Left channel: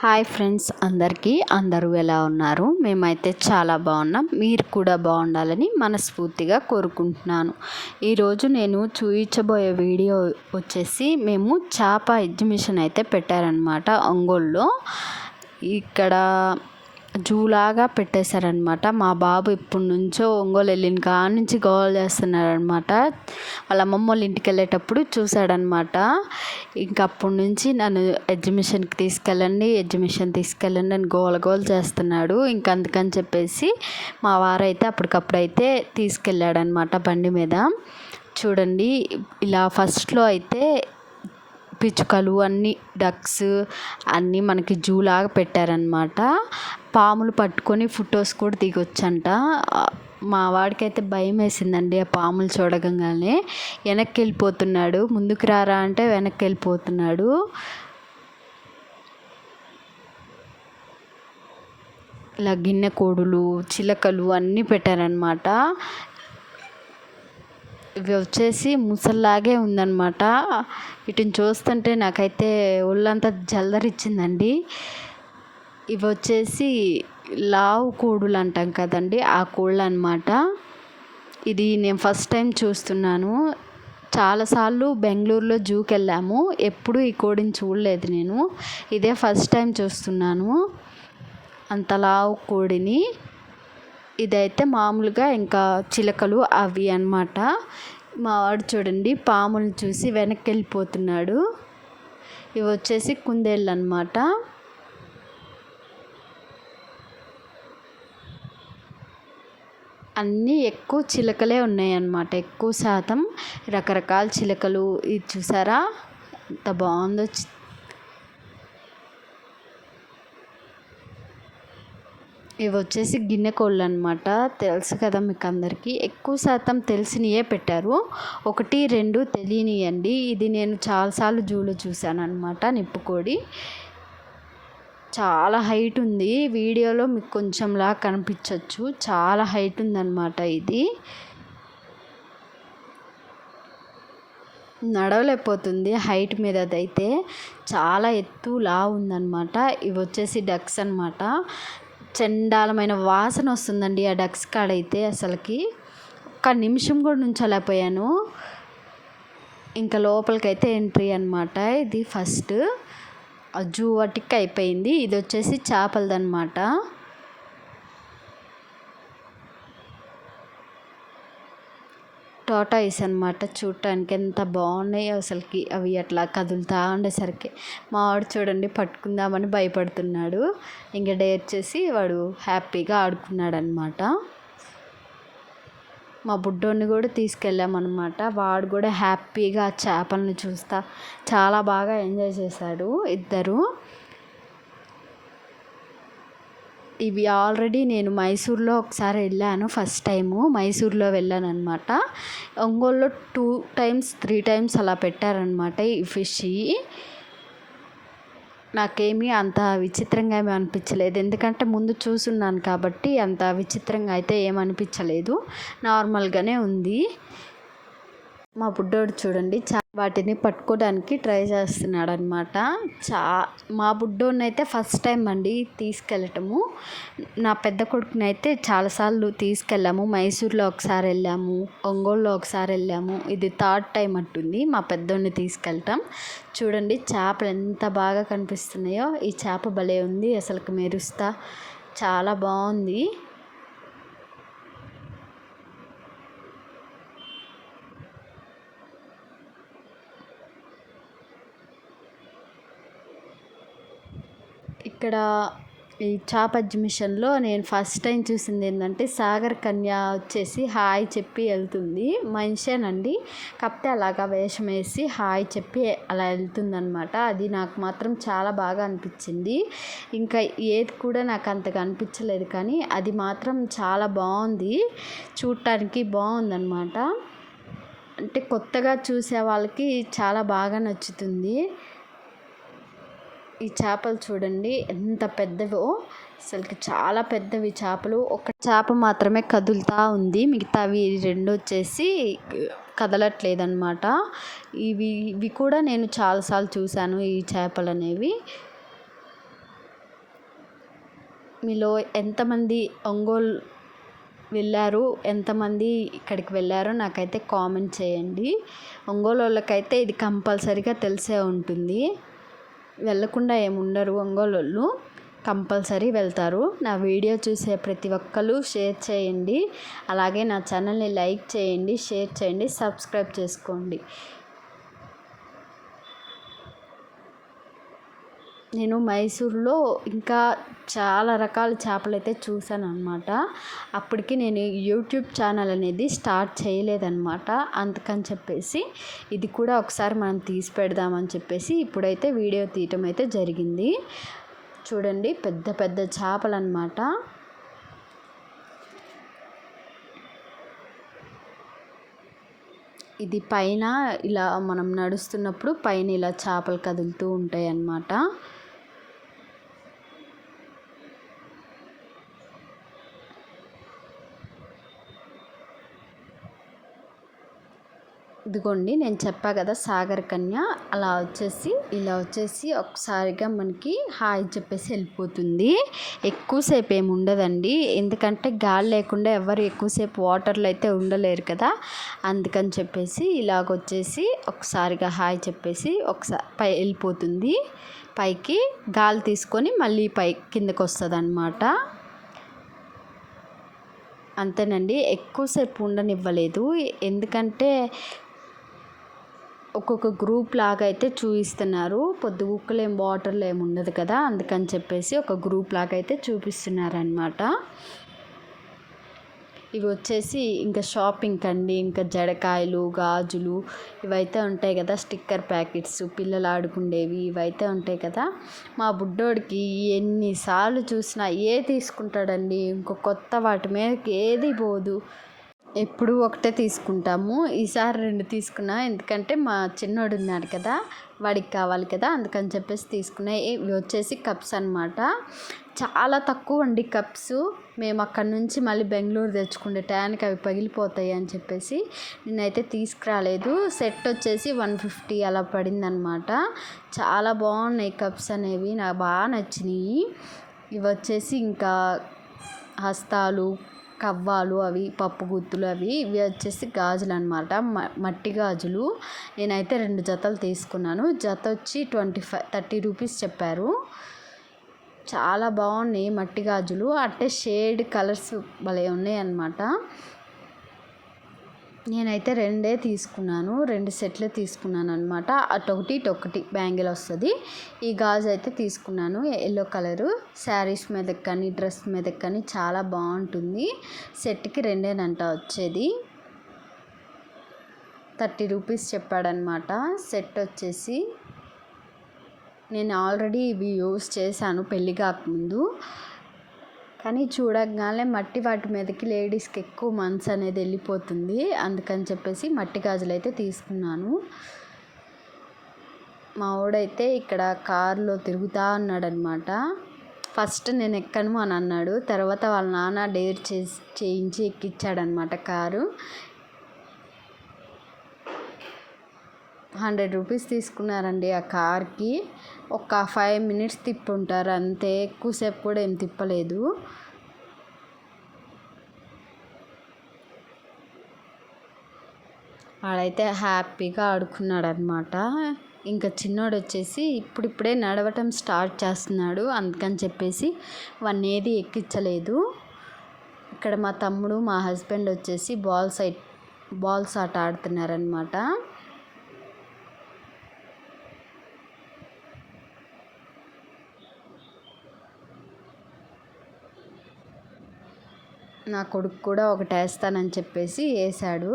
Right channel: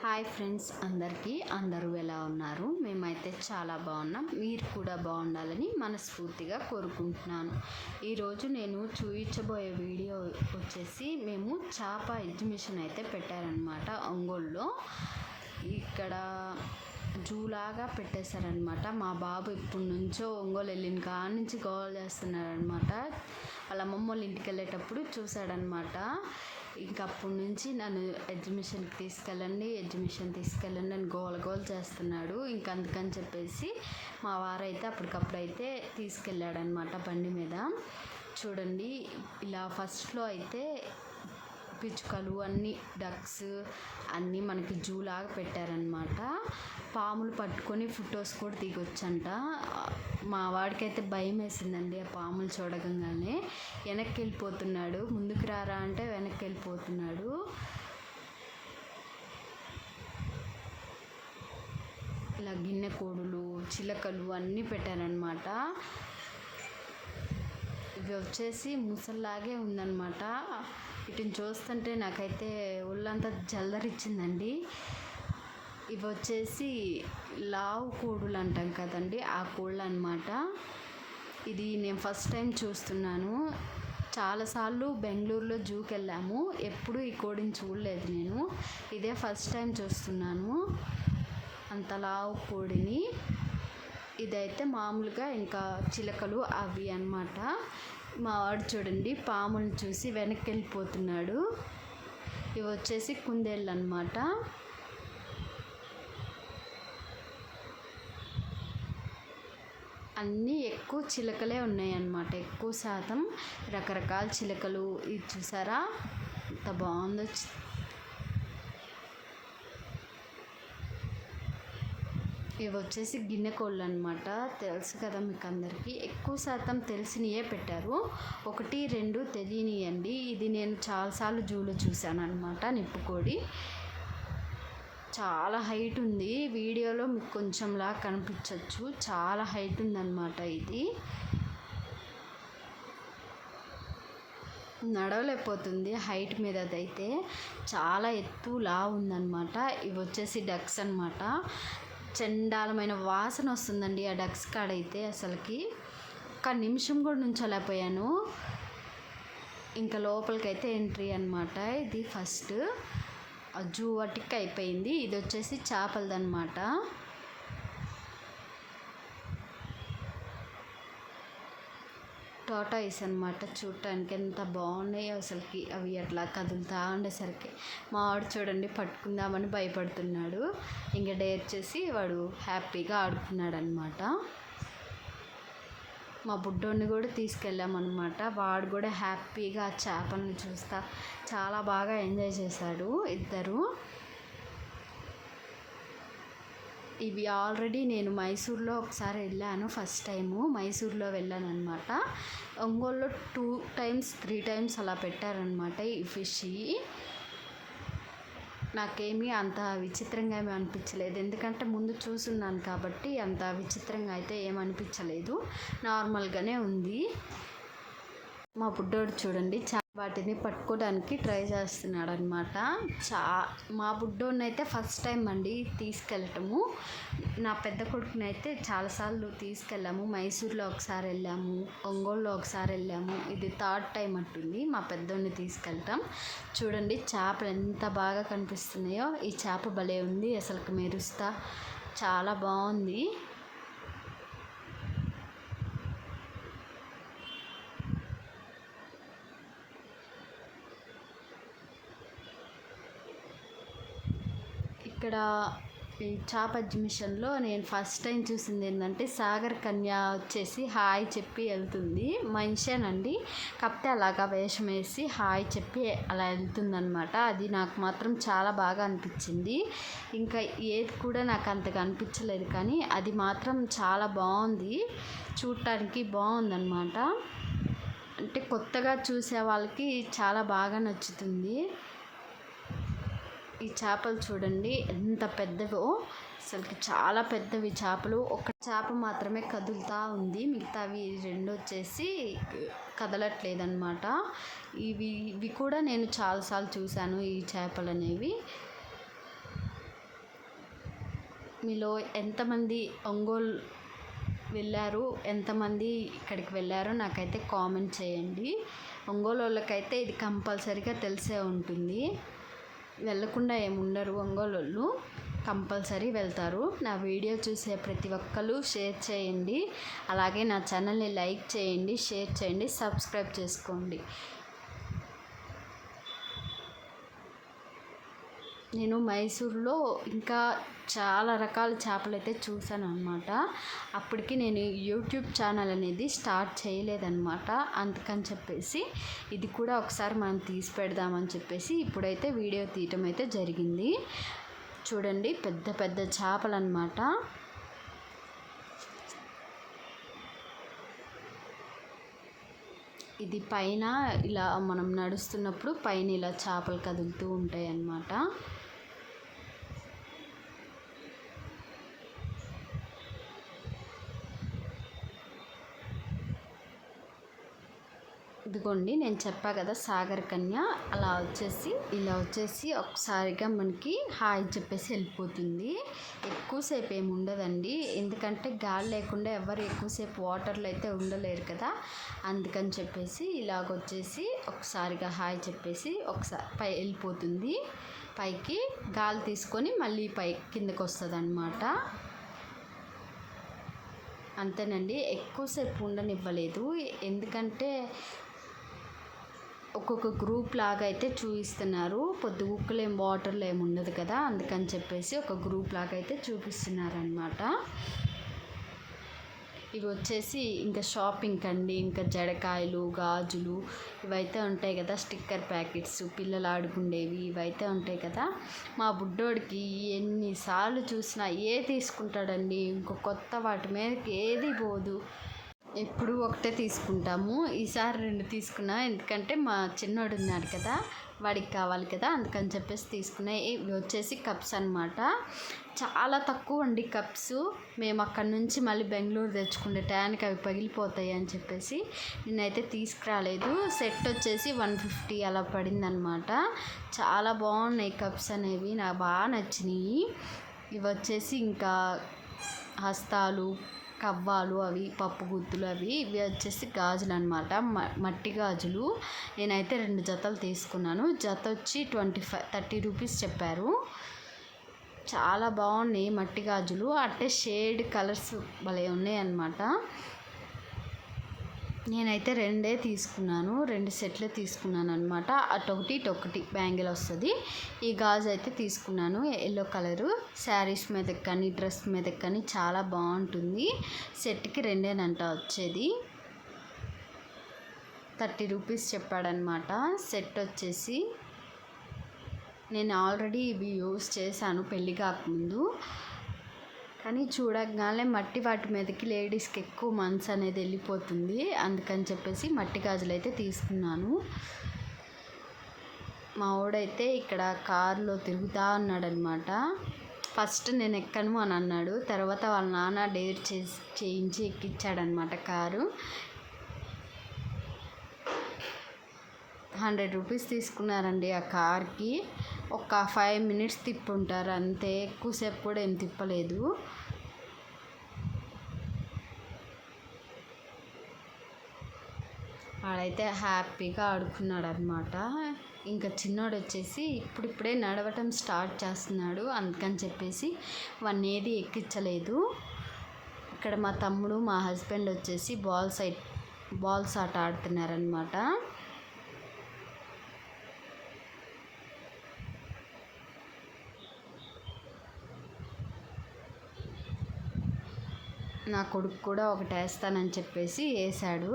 Hi friends, అందరూ ఎలా ఉన్నారు? మేమైతే చాలా బాగున్నాం. మీరు కూడా బాగుండాలని మనస్ఫూర్తిగా కోరుకుంటున్నాను. ఈరోజు నేను చూపించబోయే వీడియో వచ్చేసి మేము చేప ఎగ్జిబిషన్ అయితే పెట్టారనమాట ఒంగోలులో. ఇక్కడ జూలాగా పెట్టేశారనమాట. మా బాబు ఇప్పటి నుంచో ఒంగోలు వెళ్ళిన కాడ నుంచి గోల్ చేస్తున్నారనమాట. వాళ్ళ అమ్మమ్మ వాళ్ళ ఇంటికి వెళ్ళేటప్పుడు చూశాడనమాట. ఇంక అప్పటి నుంచి నన్ను ఎగ్జిబిషన్కి తీసుకెళ్ళండి అని గోల చేస్తున్నాడు. ఇంక అందుకని చెప్పేసి మా వారైతే అప్పటికప్పుడైతే తీసుకెళ్ళాడనమాట బండి మీద. చూడండి, ఇలా ఫస్ట్లో అయితే పిచ్చుకలు అన్నీ డక్స్ అన్నీ మనకి జూలాగా పెట్టారనమాట. పాములు పట్టుకొని ఫొటోస్ కూడా దిగొచ్చంట. మా వాడికైతే భయం వేసిందండి ఆ పాములు చూడగానే. వెనక్కి వెళ్ళిపోతున్నాడు. ముందుకు రారా అంటే వెనక్కి వెళ్ళిపోతున్నాడు. ఇలా గిన్నె కోడులు, చిలకలు అన్నీ పెట్టారనమాట. ఇవి వచ్చేసి ముసల్లాగే ఉందన్నమాట. వీటిని చూస్తుంటే నాకైతే ఒళ్ళంతా జల్దరిచ్చిందండి. ఇవి వచ్చేసి లావు కోడులు అంటాం కదండి, ఆ కోళ్ళు అనమాట. ఇది నేను ఫస్ట్ టైం చూస్తున్నాను. చాలాసార్లు బెంగళూరులో జూకి వెళ్ళాము, ఎప్పుడు ఈ కోడిని చూడలేదు నేను. ఇదే ఫస్ట్ టైం చూస్తున్నాను అంత లావు కోడిని. ఇదైతే మామూలుగా ఇంకా చిలకలు అవి అన్నమాట. మా వాడు చూడండి పాములను చూసి వెనక్కి వెళ్ళిపోతున్నాడు. ఇవి వచ్చేసి కుందేళ్ళు అన్నమాట. అన్నీ ఎక్కువ చిలకలే ఉన్నాయన్నమాట. ఎక్కువ శాతం రకరకాల చిలకలు. ఇది చూసారా ఎంత బాగుందో. ఇవి వచ్చేసి గిన్నె కోళ్ళు అనమాట. తెలుసు కదా మీకు అందరికీ. ఎక్కువ శాతం తెలిసినయే పెట్టారు, 1-2 తెలియనియండి. ఇది నేను చాలాసార్లు జూలో చూశాను అనమాట. నిప్పుకోడి చాలా హైట్ ఉంది. వీడియోలో మీకు కొంచెంలా కనిపించవచ్చు, చాలా హైట్ ఉందన్నమాట. ఇది నడవలేకపోతుంది హైట్ మీద. అదైతే చాలా ఎత్తులా ఉందన్నమాట. ఇవి వచ్చేసి డక్స్ అనమాట. చండాలమైన వాసన వస్తుందండి ఆ డక్స్ కాడైతే. అసలుకి ఒక్క నిమిషం కూడా నుంచోలేకపోయాను. ఇంకా లోపలికైతే ఎంట్రీ అనమాట. ఇది ఫస్ట్ జూ వాటికి అయిపోయింది. ఇది వచ్చేసి చేపలదనమాట. టాటాయిస్ అనమాట. చూడటానికి ఎంత బాగున్నాయి అసలుకి. అవి అట్లా కదులుతూ ఉండేసరికి మా వాడు చూడండి పట్టుకుందామని భయపడుతున్నాడు. ఇంకా డేర్ చేసి వాడు హ్యాపీగా ఆడుకున్నాడు అనమాట. మా బుడ్డోడిని కూడా తీసుకెళ్ళామన్నమాట. వాడు కూడా హ్యాపీగా చేపలను చూస్తా చాలా బాగా ఎంజాయ్ చేశాడు ఇద్దరు. ఇవి ఆల్రెడీ నేను మైసూర్లో ఒకసారి వెళ్ళాను. ఫస్ట్ టైము మైసూర్లో వెళ్ళాను అనమాట. ఒంగోలులో 2-3 టైమ్స్ అలా పెట్టారనమాట ఈ ఫిష్. నాకేమీ అంత విచిత్రంగా ఏమీ అనిపించలేదు, ఎందుకంటే ముందు చూసున్నాను కాబట్టి అంత విచిత్రంగా అయితే ఏమనిపించలేదు, నార్మల్గానే ఉంది. మా బుడ్డోడు చూడండి వాటిని పట్టుకోవడానికి ట్రై చేస్తున్నాడు అనమాట. మా బుడ్డోడిని అయితే ఫస్ట్ టైం అండి తీసుకెళ్ళటము. నా పెద్ద కొడుకుని అయితే చాలాసార్లు తీసుకెళ్ళాము. మైసూర్లో ఒకసారి వెళ్ళాము, ఒంగోలులో ఒకసారి వెళ్ళాము. ఇది 3rd టైం అంటుంది మా పెద్దోడిని తీసుకెళ్ళటం. చూడండి చేపలు ఎంత బాగా కనిపిస్తున్నాయో. ఈ చేప భలే ఉంది అసలుకి, మెరుస్తా చాలా బాగుంది. ఇక్కడ ఈ చేప ఎగ్జిబిషన్లో నేను ఫస్ట్ టైం చూసింది ఏంటంటే సాగర్ కన్య వచ్చేసి హాయ్ చెప్పి వెళ్తుంది. మనిషేనండి, కాకపోతే అలాగా వేషం వేసి హాయ్ చెప్పి అలా వెళ్తుందనమాట. అది నాకు మాత్రం చాలా బాగా అనిపించింది. ఇంకా ఏది కూడా నాకు అంతగా అనిపించలేదు, కానీ అది మాత్రం చాలా బాగుంది, చూడటానికి బాగుందన్నమాట. అంటే కొత్తగా చూసే వాళ్ళకి చాలా బాగా నచ్చుతుంది. ఈ చేపలు చూడండి ఎంత పెద్దవో, అసలుకి చాలా పెద్దవి చేపలు. ఒక చేప మాత్రమే కదులుతూ ఉంది, మిగతావి 2 వచ్చేసి కదలట్లేదన్నమాట. ఇవి కూడా నేను చాలాసార్లు చూశాను ఈ చేపలు అనేవి. మీలో ఎంతమంది ఒంగోలు వెళ్ళారు, ఎంతమంది ఇక్కడికి వెళ్ళారో నాకైతే కామెంట్ చేయండి. ఒంగోలు వాళ్ళకైతే ఇది కంపల్సరీగా తెలిసే ఉంటుంది. వెళ్ళకుండా ఏముండరు, ఒంగోలు వాళ్ళు కంపల్సరీ వెళ్తారు. నా వీడియో చూసే ప్రతి ఒక్కరు షేర్ చేయండి. అలాగే నా ఛానల్ని లైక్ చేయండి, షేర్ చేయండి, సబ్స్క్రైబ్ చేసుకోండి. నేను మైసూర్లో ఇంకా చాలా రకాల చేపలు అయితే చూశాను అనమాట. అప్పటికి నేను యూట్యూబ్ ఛానల్ అనేది స్టార్ట్ చేయలేదన్నమాట. అందుకని చెప్పేసి ఇది కూడా ఒకసారి మనం తీసి పెడదామని చెప్పేసి ఇప్పుడైతే వీడియో తీయటం అయితే జరిగింది. చూడండి, పెద్ద పెద్ద చేపలు అన్నమాట. ఇది పైన ఇలా మనం నడుస్తున్నప్పుడు పైన ఇలా చేపలు కదులుతూ ఉంటాయి అన్నమాట. ఇదిగోండి, నేను చెప్పా కదా సాగర్ కన్య, అలా ఇలా వచ్చేసి ఒకసారిగా మనకి హాయ్ చెప్పేసి వెళ్ళిపోతుంది. ఎక్కువసేపు ఏమి ఉండదండి, ఎందుకంటే గాలి లేకుండా ఎవరు ఎక్కువసేపు వాటర్లో అయితే ఉండలేరు కదా. అందుకని చెప్పేసి ఇలాగొచ్చేసి ఒకసారిగా హాయ్ చెప్పేసి ఒకసారి వెళ్ళిపోతుంది. పైకి గాలి తీసుకొని మళ్ళీ కిందకు వస్తుంది అన్నమాట. అంతేనండి, ఎక్కువసేపు ఉండనివ్వలేదు. ఎందుకంటే ఒక్కొక్క గ్రూప్ లాగా అయితే చూపిస్తున్నారు. పొద్దుగుక్కలు వాటర్లో ఏమి ఉండదు కదా, అందుకని చెప్పేసి ఒక గ్రూప్ లాగా అయితే చూపిస్తున్నారనమాట. ఇవి వచ్చేసి ఇంకా షాపింగ్ అండి, ఇంకా జడకాయలు, గాజులు ఇవైతే ఉంటాయి కదా, స్టిక్కర్ ప్యాకెట్స్, పిల్లలు ఆడుకుండేవి ఇవైతే ఉంటాయి కదా. మా బుడ్డోడికి ఎన్నిసార్లు చూసినా తీసుకుంటాడండి, ఇంకో కొత్త వాటి మీదకి ఏది పోదు. ఎప్పుడు ఒకటే తీసుకుంటాము, ఈసారి 2 తీసుకున్నా. ఎందుకంటే మా చిన్నోడు ఉన్నాడు కదా, వాడికి కావాలి కదా, అందుకని చెప్పేసి తీసుకున్నాయి. ఇవి వచ్చేసి కప్స్ అన్నమాట. చాలా తక్కువ అండి కప్స్. మేము అక్కడ నుంచి మళ్ళీ బెంగళూరు తెచ్చుకుంటే టయానికి అవి పగిలిపోతాయి అని చెప్పేసి నేనైతే తీసుకురాలేదు. సెట్ వచ్చేసి 150 అలా పడిందనమాట. చాలా బాగున్నాయి కప్స్ అనేవి, నాకు బాగా నచ్చినాయి. ఇవి వచ్చేసి ఇంకా హస్తాలు, కవ్వాలు, అవి పప్పు గుత్తులు, ఇవి వచ్చేసి గాజులు అనమాట, మట్టి గాజులు. నేనైతే 2 జతలు తీసుకున్నాను. జత వచ్చి 30 రూపీస్ చెప్పారు. చాలా బాగున్నాయి మట్టి గాజులు, అంటే షేడ్ కలర్స్ భలే ఉన్నాయి అన్నమాట. నేనైతే 2 తీసుకున్నాను, 2 సెట్లు తీసుకున్నాను అనమాట. అటొకటి ఇటొకటి బ్యాంగిల్ వస్తుంది. ఈ గాజు అయితే తీసుకున్నాను, ఎల్లో కలరు. శారీస్ మీదకి కానీ డ్రెస్ మీదకి కానీ చాలా బాగుంటుంది. సెట్కి 2 వచ్చేది. 30 రూపీస్ చెప్పాడనమాట. సెట్ వచ్చేసి నేను ఆల్రెడీ ఇవి యూస్ చేశాను పెళ్ళి కాకముందు, కానీ చూడగానే మట్టి వాటి మీదకి లేడీస్కి ఎక్కువ మనసు అనేది వెళ్ళిపోతుంది. అందుకని చెప్పేసి మట్టి గాజులు అయితే తీసుకున్నాను. మా వాడైతే ఇక్కడ కారులో తిరుగుతూ ఉన్నాడనమాట. ఫస్ట్ నేను ఎక్కను అని అన్నాడు, తర్వాత వాళ్ళ నాన్న డేర్ చేయించి ఎక్కించాడనమాట కారు. 100 రూపీస్ తీసుకున్నారండి ఆ కార్కి. ఒక 5 మినిట్స్ తిప్పుంటారు అంతే, ఎక్కువసేపు కూడా ఏం తిప్పలేదు. వాడైతే హ్యాపీగా ఆడుకున్నాడు అనమాట. ఇంకా చిన్నోడు వచ్చేసి ఇప్పుడిప్పుడే నడవటం స్టార్ట్ చేస్తున్నాడు, అందుకని చెప్పేసి వాడిని ఏది ఎక్కించలేదు. ఇక్కడ మా తమ్ముడు, మా హస్బెండ్ వచ్చేసి బాల్స్ ఆట ఆడుతున్నారనమాట. నా కొడుకు కూడా ఒకటి వేస్తానని చెప్పేసి వేసాడు.